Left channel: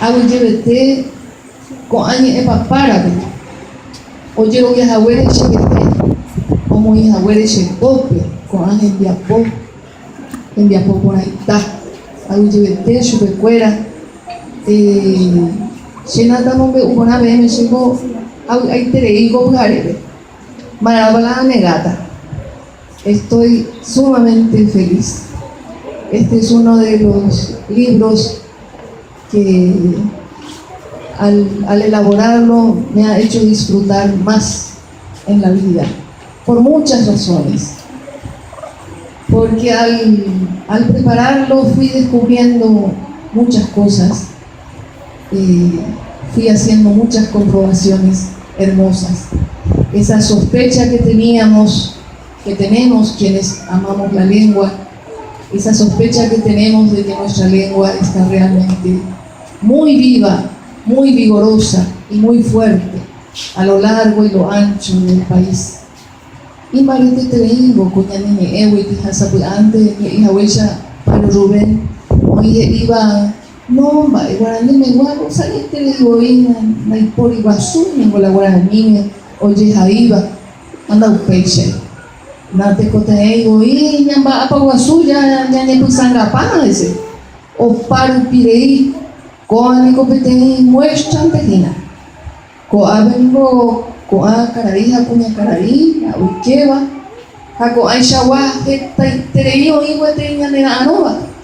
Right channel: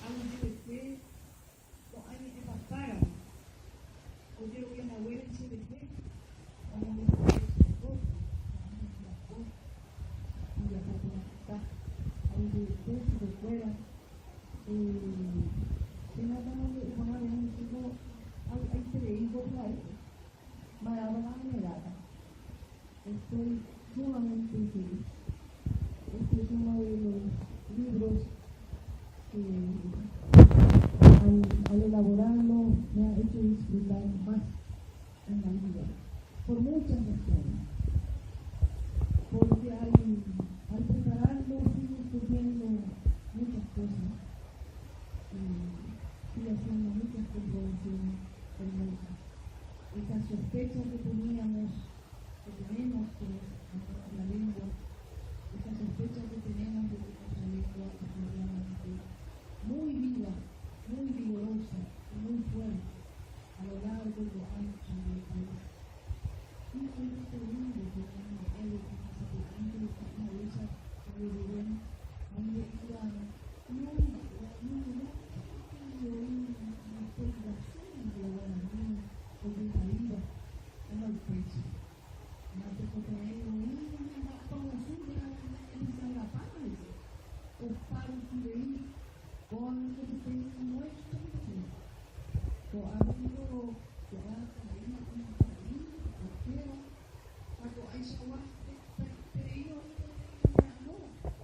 Agujebete con añe epapara oye o ya haguere chebete como ya haguere chepope con añe enviapo por ahí está agujebete chupecuera Shenata mombe una vez me llegó ahí te digo bujarebe Marabala negata. Estoy sumamente feliz. Este es uno de los libros que al elaborarlo me ha hecho disfrutar más en la vida, por muchas razones. Porque al prepararlo fui descubriendo muchas cosas, fui haciendo muchas comprobaciones hermosas. Esa sospecha que tenemos quienes amamos la lengua, esa sospecha que tenemos de que nuestra lengua está realmente muy viva, muy vigorosa y muy fuerte a lo largo y lo ancho del país. Y marite te digo, coñanine ewe te hasapuante que ihawecha para Rubén, oye iba no va guaraní me guapo salí te digo ina na ipori guasu ningo la guaraní oye jaiba anda un peixe na te coteio e nhamba apa guasu ya ne pusanga paz o paro pirei ko ani ko petei muestra tegina ko abengo ko a cararija kunya carari a ukeva ha ko aisha wa heta terei o iwa te nyane anova